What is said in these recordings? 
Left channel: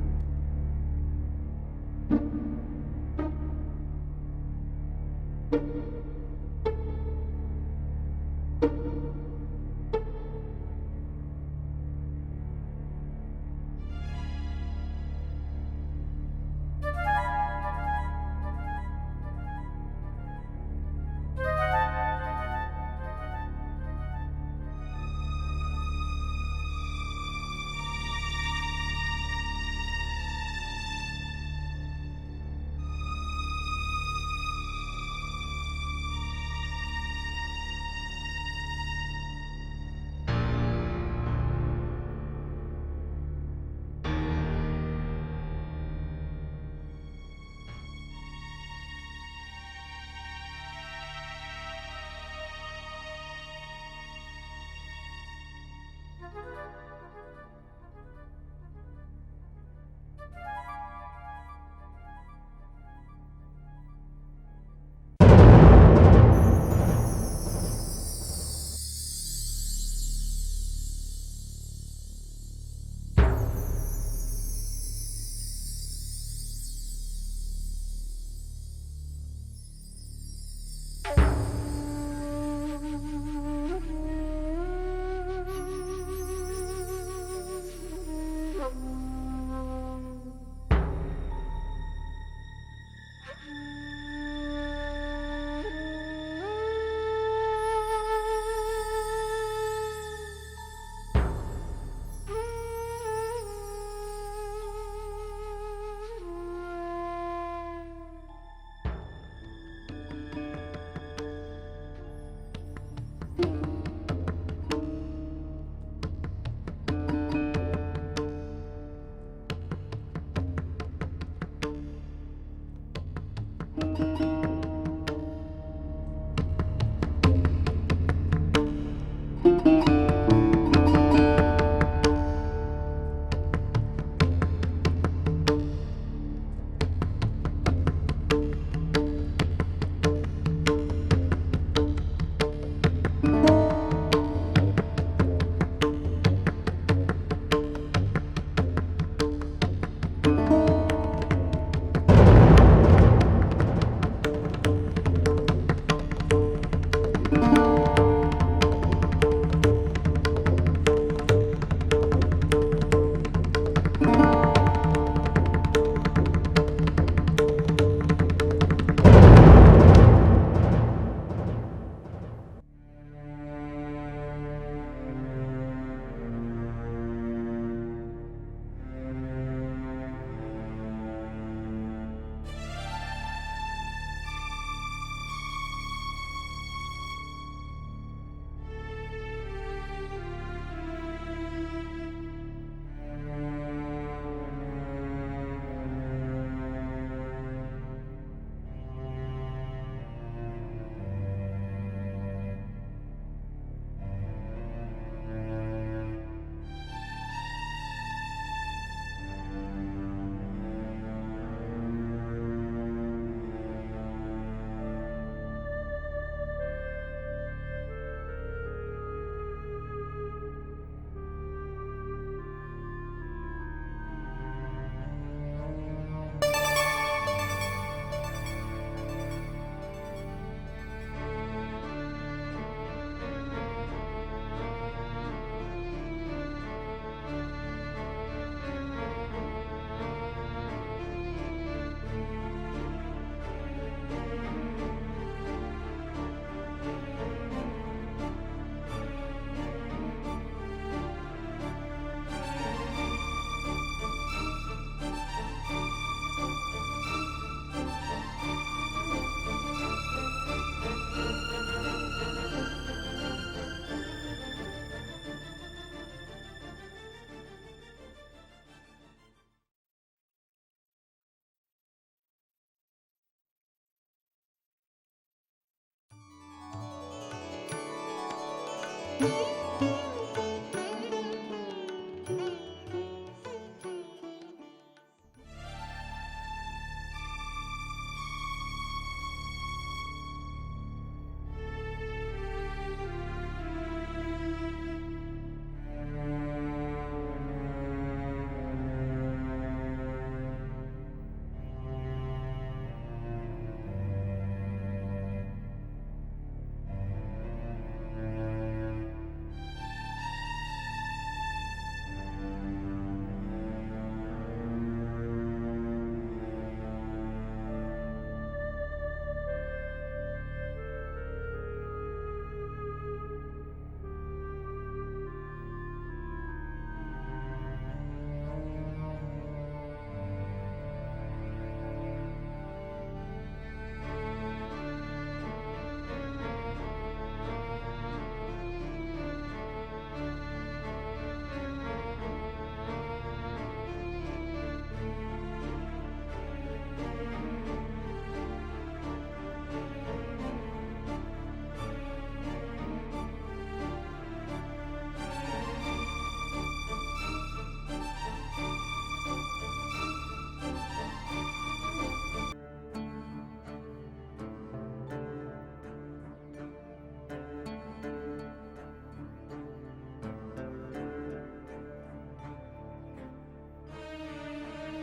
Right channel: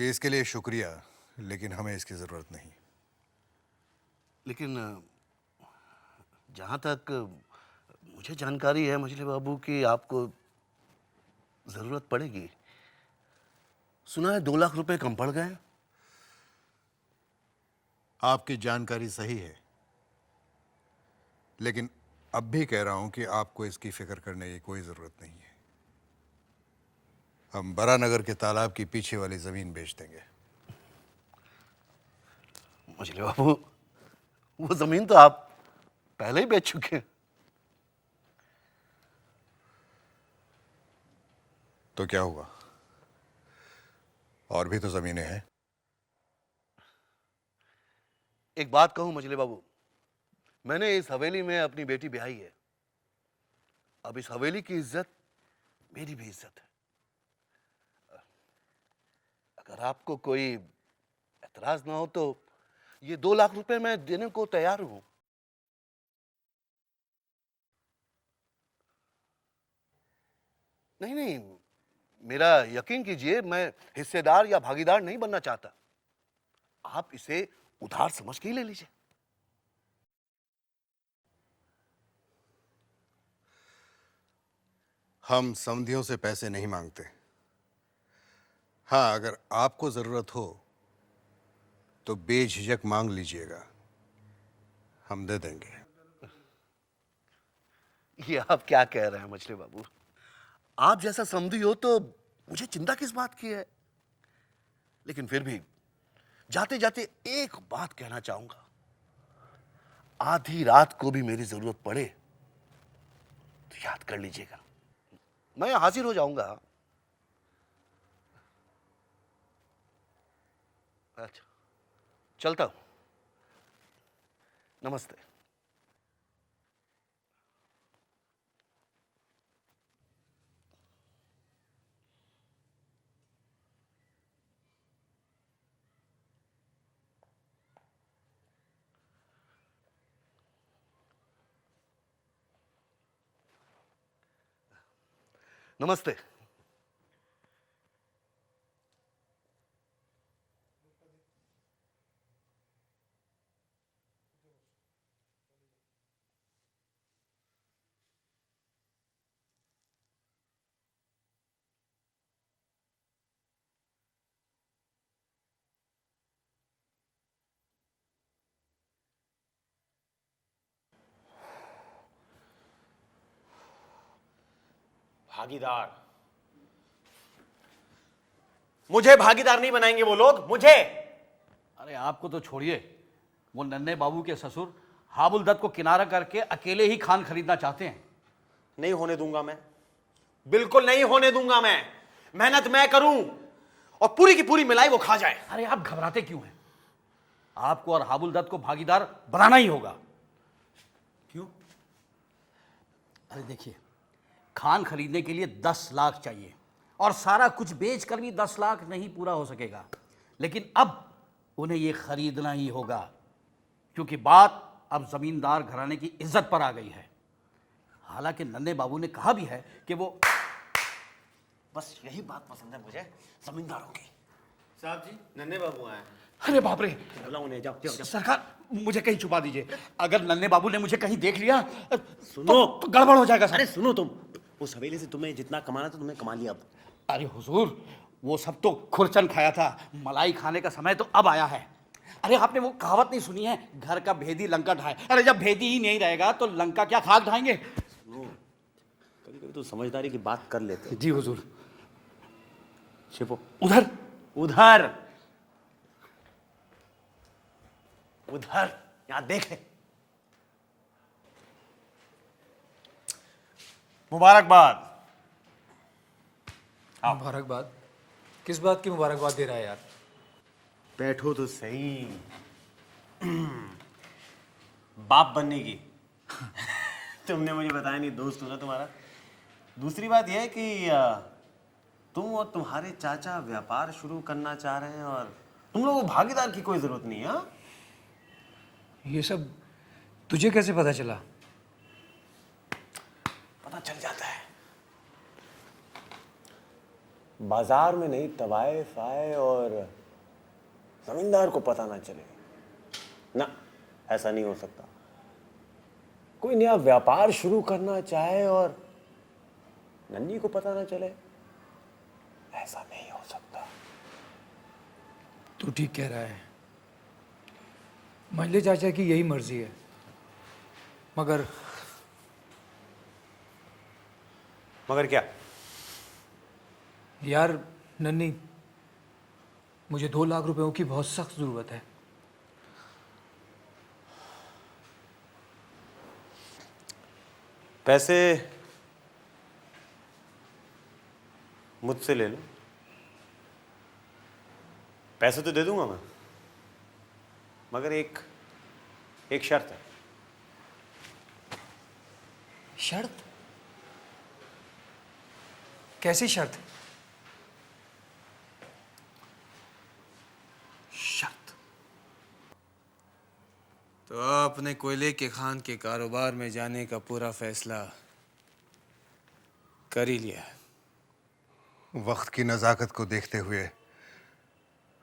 जी इसके लिए शुक्रिया, लेकिन हमें इसकी जरूरत नहीं। लेकिन जहाँ तक मुझे जानकारी है मछली बाबू कि आपको जरूरत पड़ेगी। सुना है 2 लाख रुपए कम पड़ गए। आपकी जानकारी सही है, लेकिन अब भी कह रहा हूं कि आपको इसकी फिक्र करने की कोई जरूरत नहीं है। हम बरानगर के तालाब की पीछे वाली जमीन बेच देंगे। मछली बाबू, वो जमीन तो आप पहले ही बेच चुके हैं। तो क्या हुआ, और भी तो जमीनें हैं। एक बात कहूं मछली बाबू, मैंने इस हवेली में अपनी बेटी ब्याही है। अब इस हवेली की इज्जत मेरी भी इज्जत है। अगर आपको कोई एतराज ना हो तो ये 2 लाख रुपए मैं देने को तैयार हूं। नहीं नहीं, मेरा यकीन कीजिए, मैं हिस्सेदार या भागीदार नहीं बनना चाहता। आप इसे उधार समझ के ही ले लीजिए। हम समधियों से पैसे नहीं मांगते। हाँ, अगर आपको जरूरत हो तो बेझिझक मांग लीजिएगा, हम दे देंगे। ये आप क्या कह रहे हैं मछली बाबू? आप जैसा समधी हो तो मुझे चिंता किस बात की है? लेकिन फिर भी जाते जाते एक बात कहना चाहूंगा। आधी रात को भी मेरी जरूरत पड़े तो याद कर लीजिएगा, मैं हाजिर हो जाऊंगा। अच्छा, चलता हूं। नमस्ते। नमस्ते। भागीदार? मुझे भागीदार नहीं बनाएंगे वो लोग, मुझे। अरे आपको तो छोड़िए, वो नन्हे बाबू के ससुर हाबुल दत्त को किनारा करके अकेले ही खान खरीदना चाहते हैं। नहीं होने दूंगा मैं, बिल्कुल नहीं होने दूंगा मैं। मेहनत मैं करूं और पूरी की पूरी मिलाई वो खा जाए। अरे आप घबराते क्यों हैं? आपको और हाबुल दत्त को भागीदार बनाना ही होगा। क्यों? अरे देखिए, खान खरीदने के लिए 10 लाख चाहिए और सारा कुछ बेच कर भी 10 लाख नहीं पूरा हो सकेगा। लेकिन अब उन्हें ये खरीदना ही होगा, क्योंकि बात अब जमींदार घराने की इज्जत पर आ गई है। हालांकि नन्हे बाबू ने कहा भी है कि वो, बस यही बात पसंद है मुझे जमींदारों की। साहब जी, नन्हे बाबू आए। अरे बाप रे, सरकार मुझे कहीं छुपा दीजिए। अगर नन्हे बाबू ने मुझे कहीं देख लिया तो गड़बड़ हो जाएगा। अरे सुनो तुम, उस हवेली से तुम्हें जितना कमाना था तुमने कमा लिया। अरे हुजूर, वो सब तो खुरचन खाया था, मलाई खाने का समय तो अब आया है। अरे आपने वो कहावत नहीं सुनी है, घर का भेदी लंका ढाए? अरे जब भेदी ही नहीं रहेगा तो लंका क्या खाक ढाएंगे? तो समझदारी की बात कर लेते हैं। जी हुजूर। छिपो उधर उधर उधर, यहाँ देख ले। मुबारकबाद। मुबारकबाद? किस बात की मुबारकबाद दे रहा है यार? बैठो तो सही। बाप बनने की तुमने मुझे बताया नहीं, दोस्त होगा तुम्हारा। दूसरी बात यह है कि तुम और तुम्हारे चाचा व्यापार शुरू करना चाह रहे हैं और तुम लोगों को भागीदार की कोई जरूरत नहीं है। ये सब तुझे कैसे पता चला? पता चल जाता है। बाजार में नहीं तवाइफ आए और जमींदार को पता ना चले। ना, ऐसा नहीं हो सकता। कोई नया व्यापार शुरू करना चाहे और नन्ही को पता ना चले, ऐसा नहीं हो सकता। तू ठीक कह रहा है। मंजले चाचा की यही मर्जी है, मगर क्या? यार नन्ही, मुझे 2 लाख रुपयों की बहुत सख्त जरूरत है। पैसे मुझसे ले लो। पैसे तो दे दूंगा मैं, मगर एक शर्त है। शर्त? कैसी शर्त? तो अपने कोयले के खान के कारोबार में जाने का पूरा फैसला कर ही लिया है। वक्त की नज़ाकत को देखते हुए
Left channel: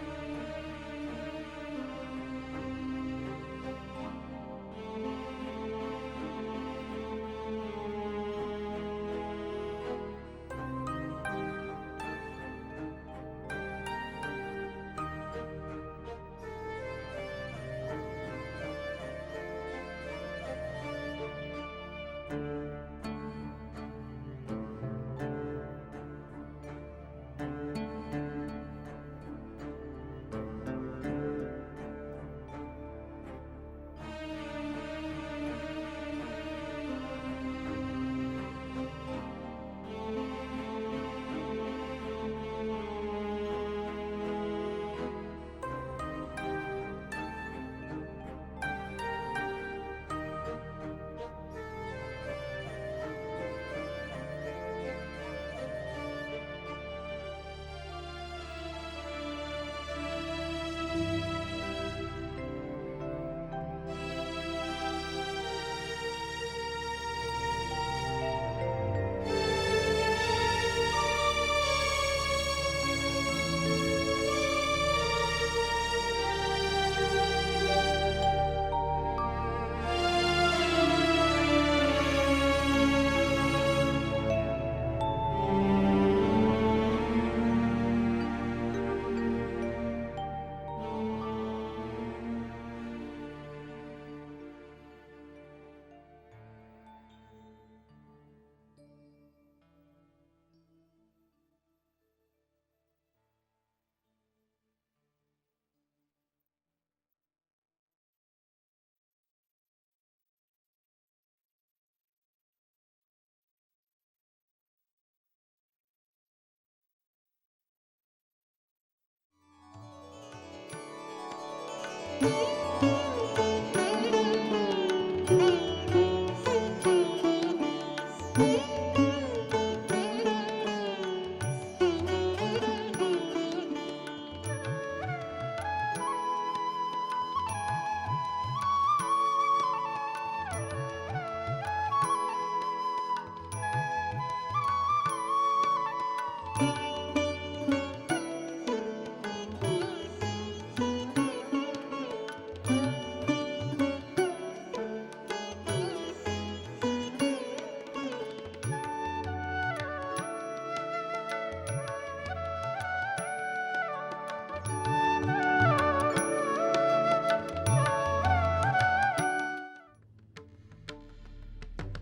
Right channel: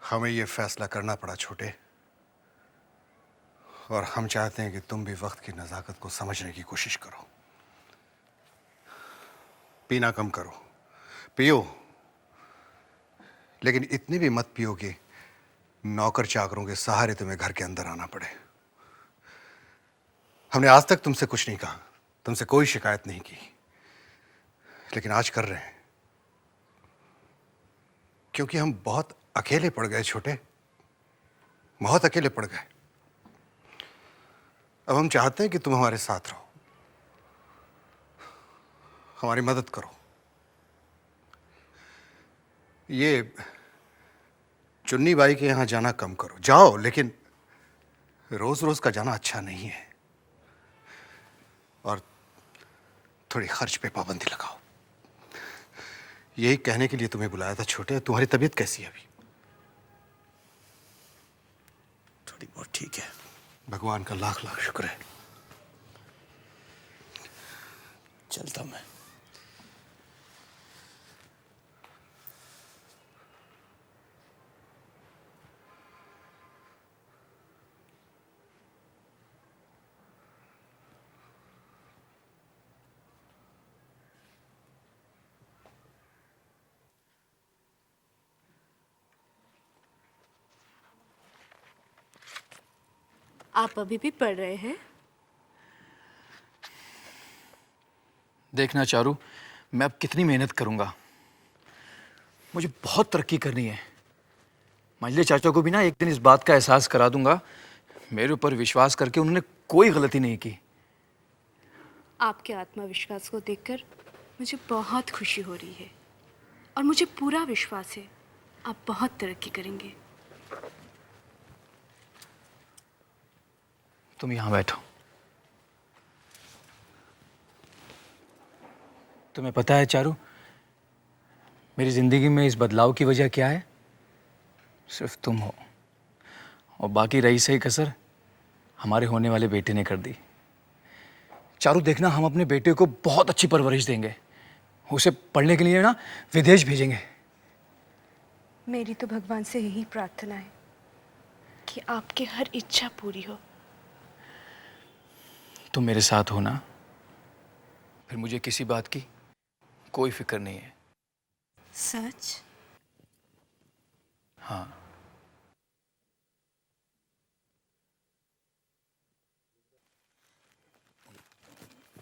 हमें ये फैसला करना पड़ा छोटे, और हम चाहते हैं कि तुम भी वक्त की नज़ाकत को समझने की कोशिश करो। पीना कम करो, पियो, लेकिन इतनी भी मत पियो कि नौकर चाकरों के सहारे तुम्हें घर के अंदर आना पड़े। हमने आज तक तुमसे कुछ नहीं कहा, तुमसे कोई शिकायत नहीं की, लेकिन आज कर रहे हैं क्योंकि हम बहुत अकेले पड़ गए छोटे, बहुत अकेले पड़ गए। अब हम चाहते हैं कि तुम हमारे साथ रहो, हमारी मदद करो। ये चुन्नी बाई के यहां जाना कम करो, जाओ, लेकिन रोज रोज का जाना अच्छा नहीं है, और थोड़ी खर्च पे पाबंदी लगाओ। यही कहने के लिए तुम्हें बुलाया था छोटे। तुम्हारी तबीयत कैसी है अभी? थोड़ी बहुत ठीक है। भगवान का लाख लाख शुक्र है। चलता मैं। आप अभी भी पढ़ रहे हैं? देखना चारू, मैं अब कितनी मेहनत करूंगा। मुझे बहुत तरक्की करनी है। मंजले चाचा को भी ना एक दिन इस बात का एहसास करा दूंगा, मेरे ऊपर विश्वास करके उन्होंने कोई गलती नहीं की। आपके आत्मविश्वास को देखकर मुझे बहुत खुशी हो रही है, और मुझे पूरा विश्वास है आप बहुत तरक्की करेंगे। तुम यहाँ बैठो। तुम्हें पता है चारू, मेरी जिंदगी में इस बदलाव की वजह क्या है? सिर्फ तुम हो, और बाकी रही सही कसर हमारे होने वाले बेटे ने कर दी। चारू देखना, हम अपने बेटे को बहुत अच्छी परवरिश देंगे, उसे पढ़ने के लिए ना विदेश भेजेंगे। मेरी तो भगवान से यही प्रार्थना है कि आपकी हर इच्छा पूरी हो। तुम मेरे साथ हो ना, फिर मुझे किसी बात की कोई फिक्र नहीं है। सच? हाँ।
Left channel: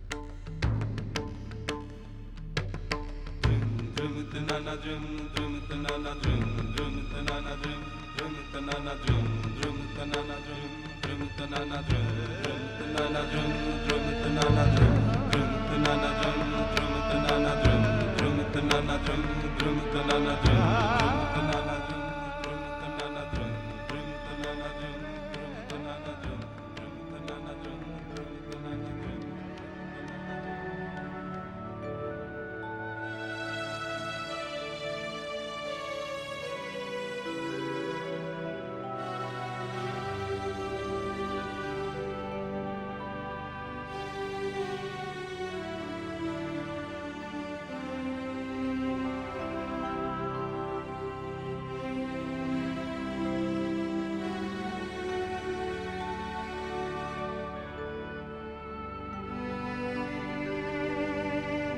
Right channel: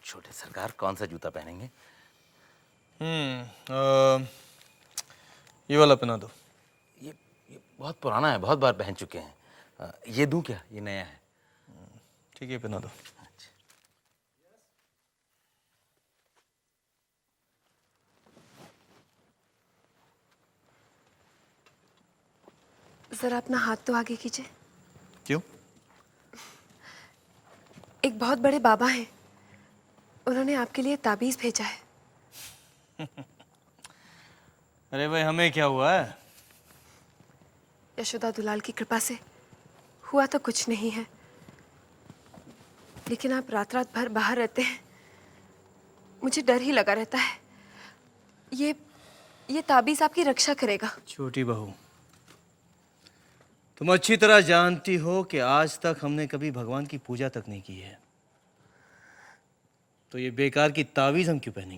छोटे सरकार कौन सा जूता पहनेंगे? ये वाला पहना दो। बहुत पुराना है, बहुत बार पहन चुके हैं। ये दूं क्या? ये नया है। ये पहना जरा अपना हाथ तो आगे कीजिए। क्यों? एक बहुत बड़े बाबा हैं, उन्होंने आपके लिए ताबीज भेजा है। अरे भाई, हमें क्या हुआ है? यशोदा दुलाल की कृपा से हुआ तो कुछ नहीं है, लेकिन आप रात रात भर बाहर रहते हैं, मुझे डर ही लगा रहता है। ये ताबीज आपकी रक्षा करेगा। छोटी बहू, तुम अच्छी तरह जानती हो कि आज तक हमने कभी भगवान की पूजा तक नहीं की है, तो ये बेकार की ताबीज हम क्यों पहनेंगे?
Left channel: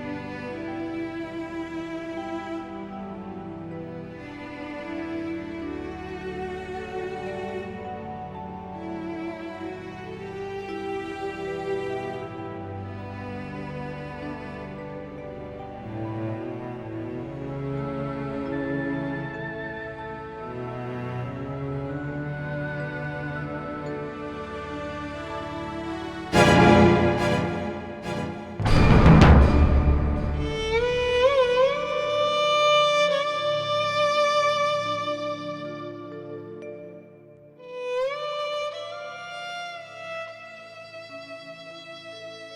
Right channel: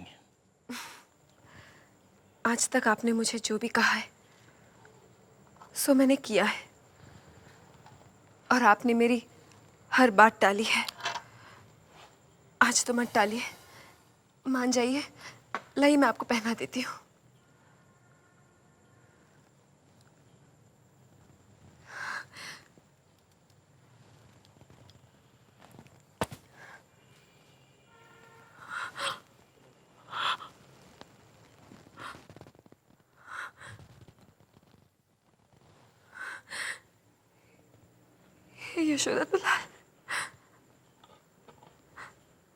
आज तक आपने मुझे जो भी कहा है सो मैंने किया है, और आपने मेरी हर बात टाली है। आज तो मत टालिए, मान जाइए। लाइए मैं आपको पहना देती हूँ। यशोदा दुलार,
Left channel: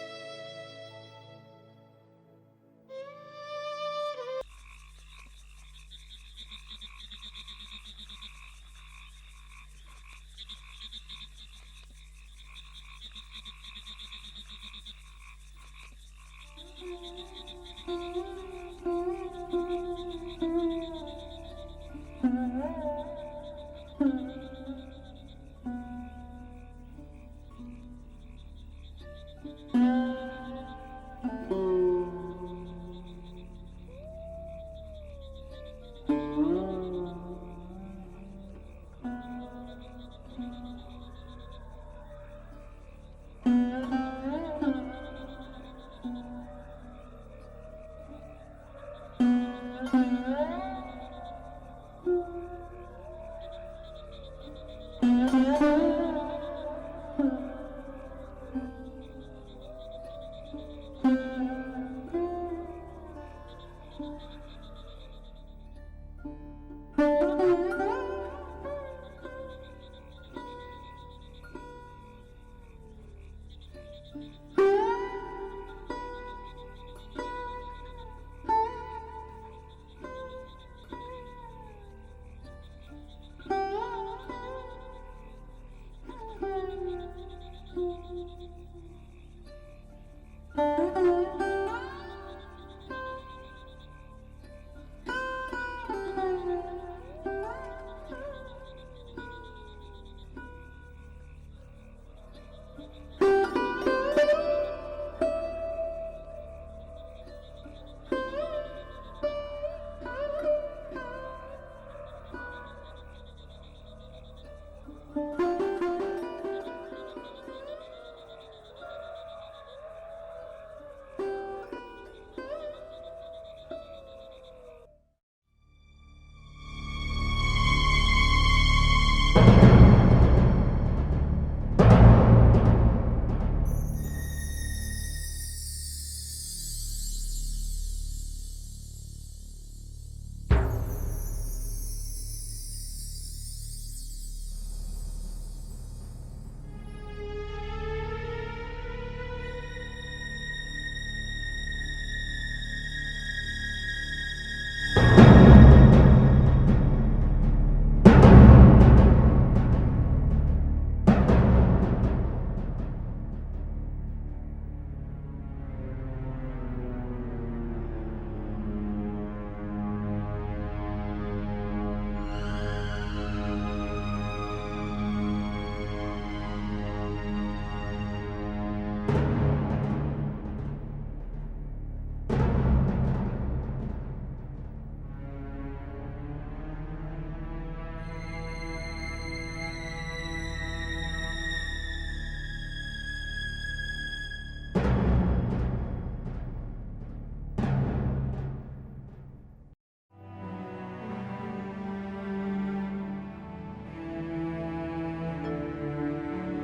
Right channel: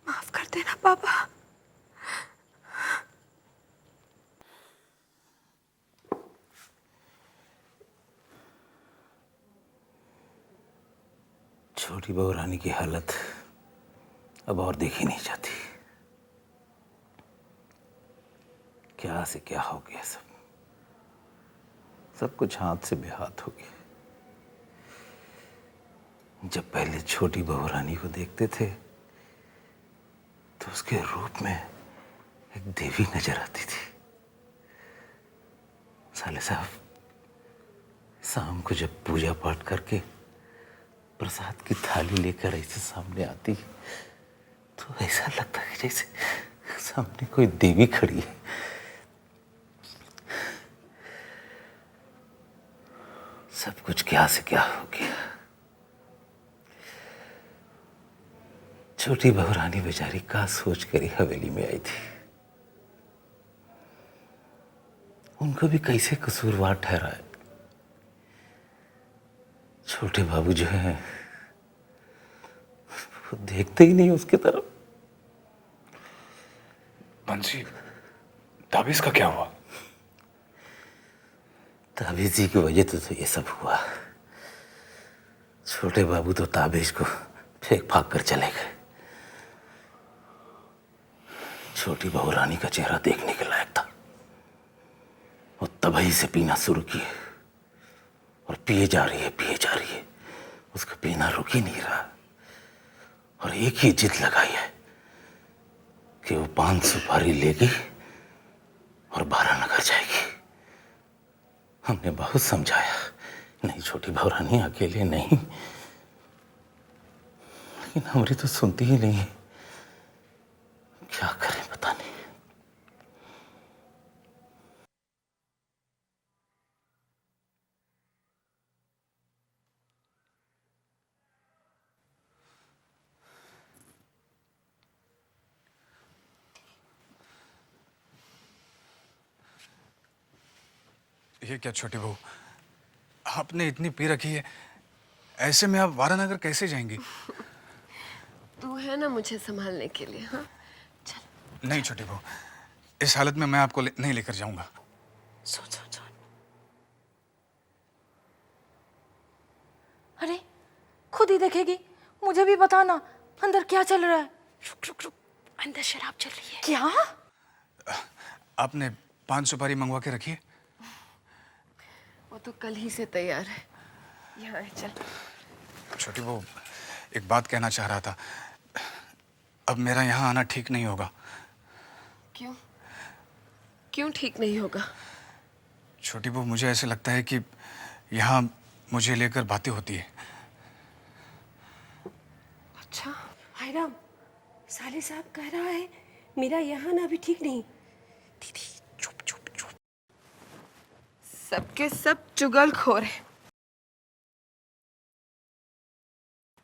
माफ कर देना पापा। छोटी बहू रानी की हालत अब और देखी नहीं जाती। क्या से क्या हो गया, सब कुछ हाथ से बेहाथ हो गया। जब पहले छोटी बहू रानी को देखते थे तो उसके रूप में एक देवी नजर आती थी। साले साहब, शाम को जब पूजा पाठ करके प्रसाद की थाली लेकर ऐसे सामने आती तो ऐसा लगता है जैसे सामने कोई देवी खड़ी है। सब कुछ क्या से क्या हो गया। छोटी बहू रानी बेचारी का सोच कर ही हवेली में आई थी। उनको भी कैसे कसूरवार ठहराया। छोटे बाबू जो है वो देखते ही नहीं उसकी तरफ। बंसी, ताबीज का क्या हुआ? ताबीज की वजह तो ये सब हुआ। छोटे बाबू तो ताबीज को फेंक फाक कर चले गए। छोटी बहू रानी का चेहरा देखने के लायक था। वो तभी से पीना शुरू किए और पिए जा रही है। उसका पीना रुक ही नहीं रहा और एक ही जिद लगाई है कि वो 5 सुपारी लेगी और 12 नगर जाएगी। हमने बहुत समझाया, नहीं छोटी बहू रानी अकेले नहीं, लेकिन हमारी तो सुनती ही नहीं है। क्या करें पता नहीं। ये क्या छोटी बहू, आपने इतनी पी रखी है, ऐसे में आप वारानगर कैसे जाएंगी? तू है ना मुझे संभालने के लिए। हाँ, नहीं छोटी बहू, इस हालत में मैं आपको नहीं लेकर जाऊंगा। अरे खुद ही देखेगी, मुझे भी बताना अंदर क्या चल रहा है। रुक, अंदर शराब चल रही है। क्या? आपने 5 सुपारी मंगवा के रखी है? तो कल ही से तैयार है। छोटी बहू, एक बात कहना चाह रहा था। अब मेरा यहाँ आना ठीक नहीं होगा। क्यों ठीक नहीं होगा? छोटी बहू, मुझे ऐसे लगता है कि यहाँ मुझे लेकर बातें होती है। अच्छा, हायराम, साली साहब कह रहा है मेरा यहाँ ना भी ठीक नहीं। दीदी चुप। सबके सब चुगलखोर हैं,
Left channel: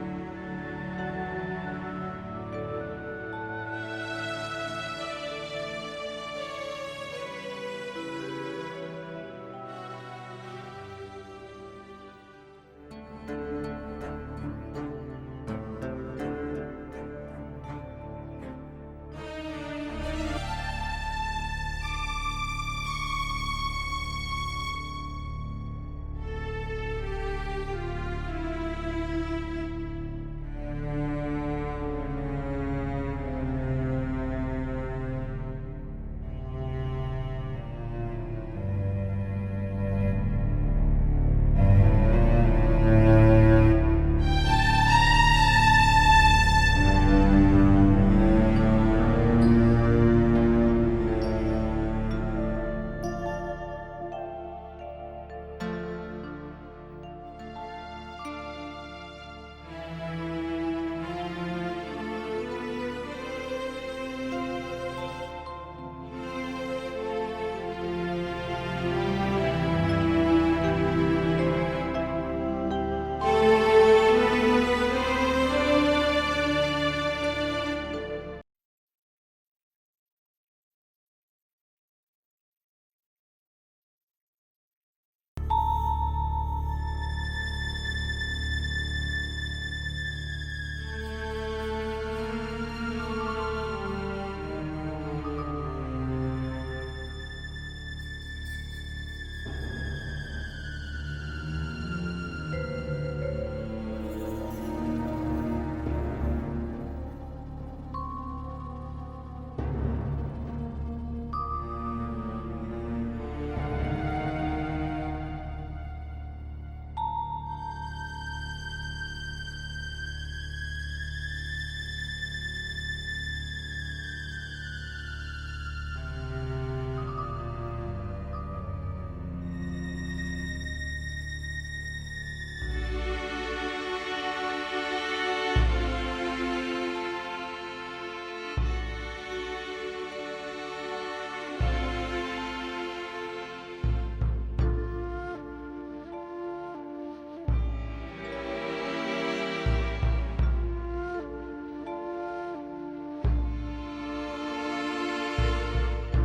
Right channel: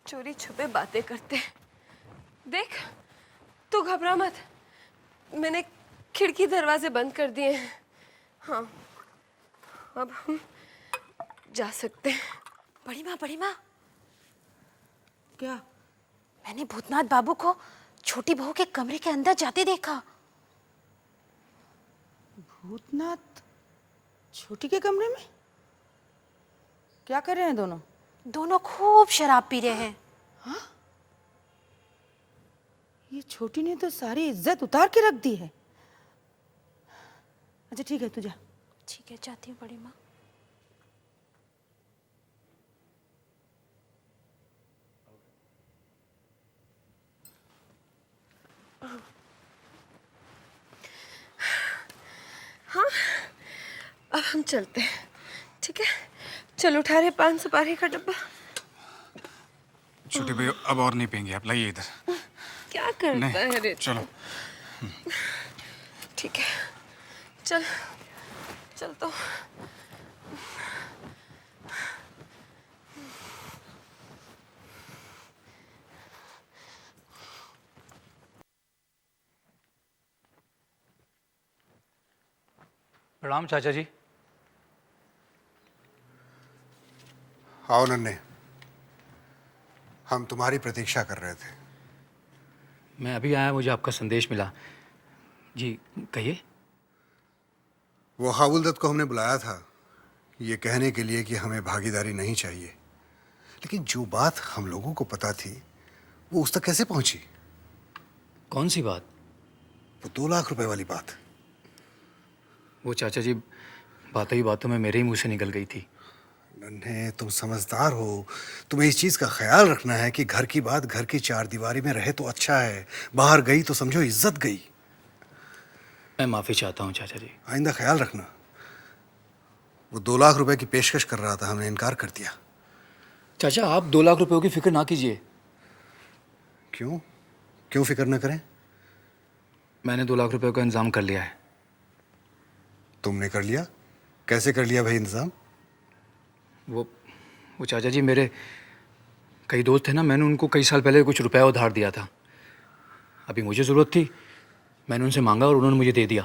चोरी छुपे बातें करते हैं। देख, तू घबरा मत, मैंने खिड़की दरवाजे बंद कर दिए हैं। हाँ, अब हम जा सकते हैं। बड़ी माँ, क्या? मैंने भूतनाथ बाबू को छोटी बहू के कमरे के अंदर जाते देखा। भूतनाथ छोटी के कमरे में क्या कर रहे हैं दोनों? दोनों खूब शराब पी रहे हैं। हाँ? छोटी ने तो सारी इज्जत उतार के रख दी है। अच्छा ठीक है, तू जा। ठीक है, जाती हूँ बड़ी माँ। हाँ, अब हम चलते हैं, ठीक है? चल उठा रहे 5 सुपारी का डब्बा। छोटे भाई अब और नहीं पियेंगे, अब लाइए इधर। क्या करता है रे? चलो। ठीक है, चल चल तो। प्रणाम चाचा जी। आओ नन्हे, हम तुम्हारी प्रतीक्षा कर रहे थे। मैं अभी आया, मुझे आपका संदेश मिला। जी कहिए। वो हाबुलदत्त को हमने बुलाया था ये कहने के लिए कि हमें भागीदारी नहीं चाहिए, लेकिन जो बात हम लोगों को पता थी वो उस तक कैसे पहुंची? कौन सी बात? वो 2 लाख रुपए वाली बात। वो चाचा जी बातों ही बातों में मेरे ही मुंह से निकल गई थी। नन्हे, तुम समझदार हो, तुम्हें इस चीज का ख्याल रखना है कि घर की बात घर की 4 दीवारी में रहे तो अच्छा है, बाहर गई तो समझो इज्जत गई। मैं माफी चाहता हूँ चाचा जी। आइंदा ख्याल रखना। वो 2 लाख रुपए की पेशकश कर रहा था, हमने इनकार कर दिया। चाचा आप 2 लाख रुपयों की फिक्र ना कीजिए। क्यों? क्यों फिक्र न करें? मैंने 2 लाख रुपयों का इंतजाम कर लिया है। तुमने कर लिया? कैसे कर लिया भाई इंतजाम? वो चाचा जी मेरे कई दोस्त थे ना, मैंने उनको कई साल पहले कुछ रुपया उधार दिया था। अभी मुझे जरूरत थी, मैंने उनसे मांगा और उन्होंने मुझे दे दिया।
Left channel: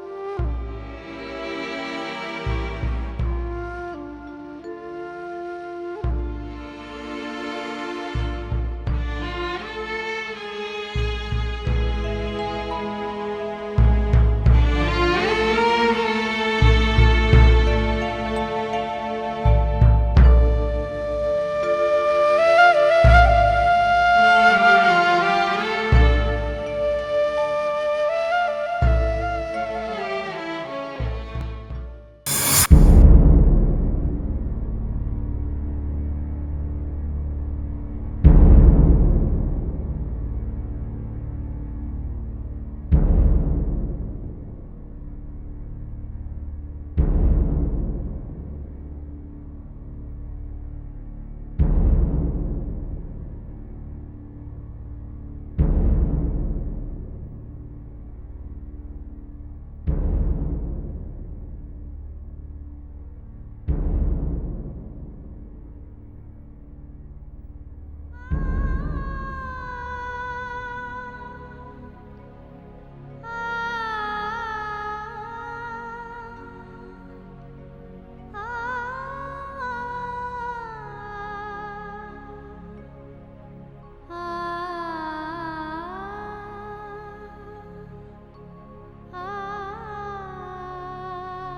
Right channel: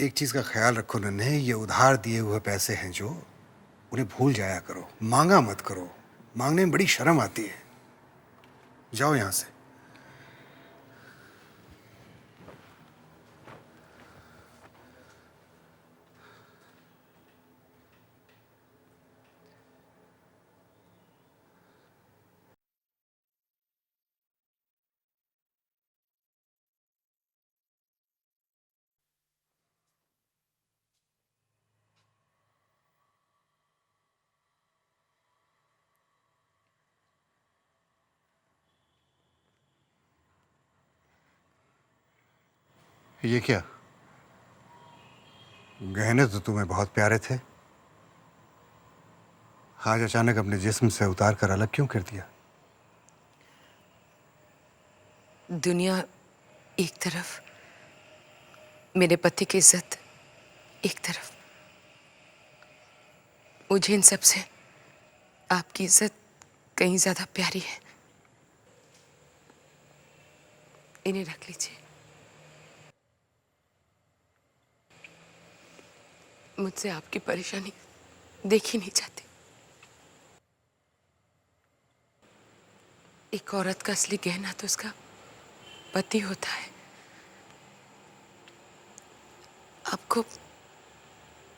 एक चीज का ख्याल रखो नन्हे, ये उधार दिए हुए पैसे हैं जो, उन्हें भूल जाया करो, मांगा मत करो। मांगने में बड़ी शर्म आती है। जाओ यहां से। ये क्या? गहने तो तुम्हें बहुत प्यारे थे, आज अचानक अपने जिस्म से उतार कर अलग क्यों कर दिया? दुनिया एक तरफ, मेरे पति की इज्जत एक तरफ। मुझे इन सब से आपकी इज्जत कहीं ज्यादा प्यारी है। इन्हें रख लीजिए। मुझसे आपकी परेशानी देखी नहीं जाती। एक औरत का असली गहना तो उसका पति होता है। आपको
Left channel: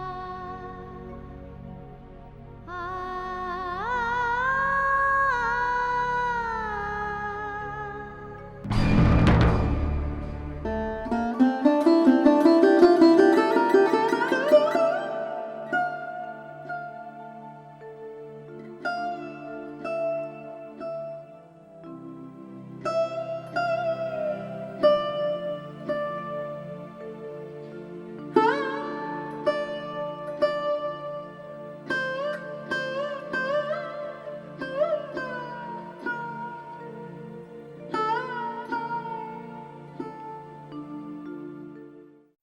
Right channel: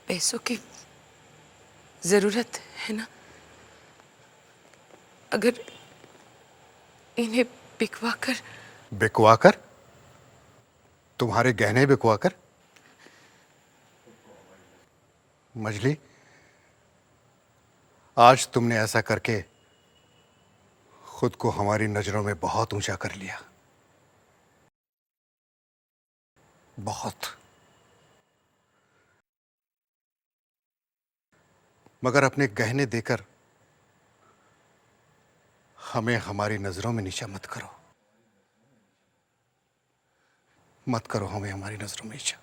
पैसों की जरूरत है ना? अगर इन्हें बिकवा कर तुम्हारे गहने बिकवा कर? मजली, आज तुमने ऐसा करके खुद को हमारी नजरों में बहुत ऊंचा कर लिया, बहुत। मगर अपने गहने देकर हमें हमारी नजरों में नीचा मत करो, मत करो हमें हमारी नजरों में नीचा।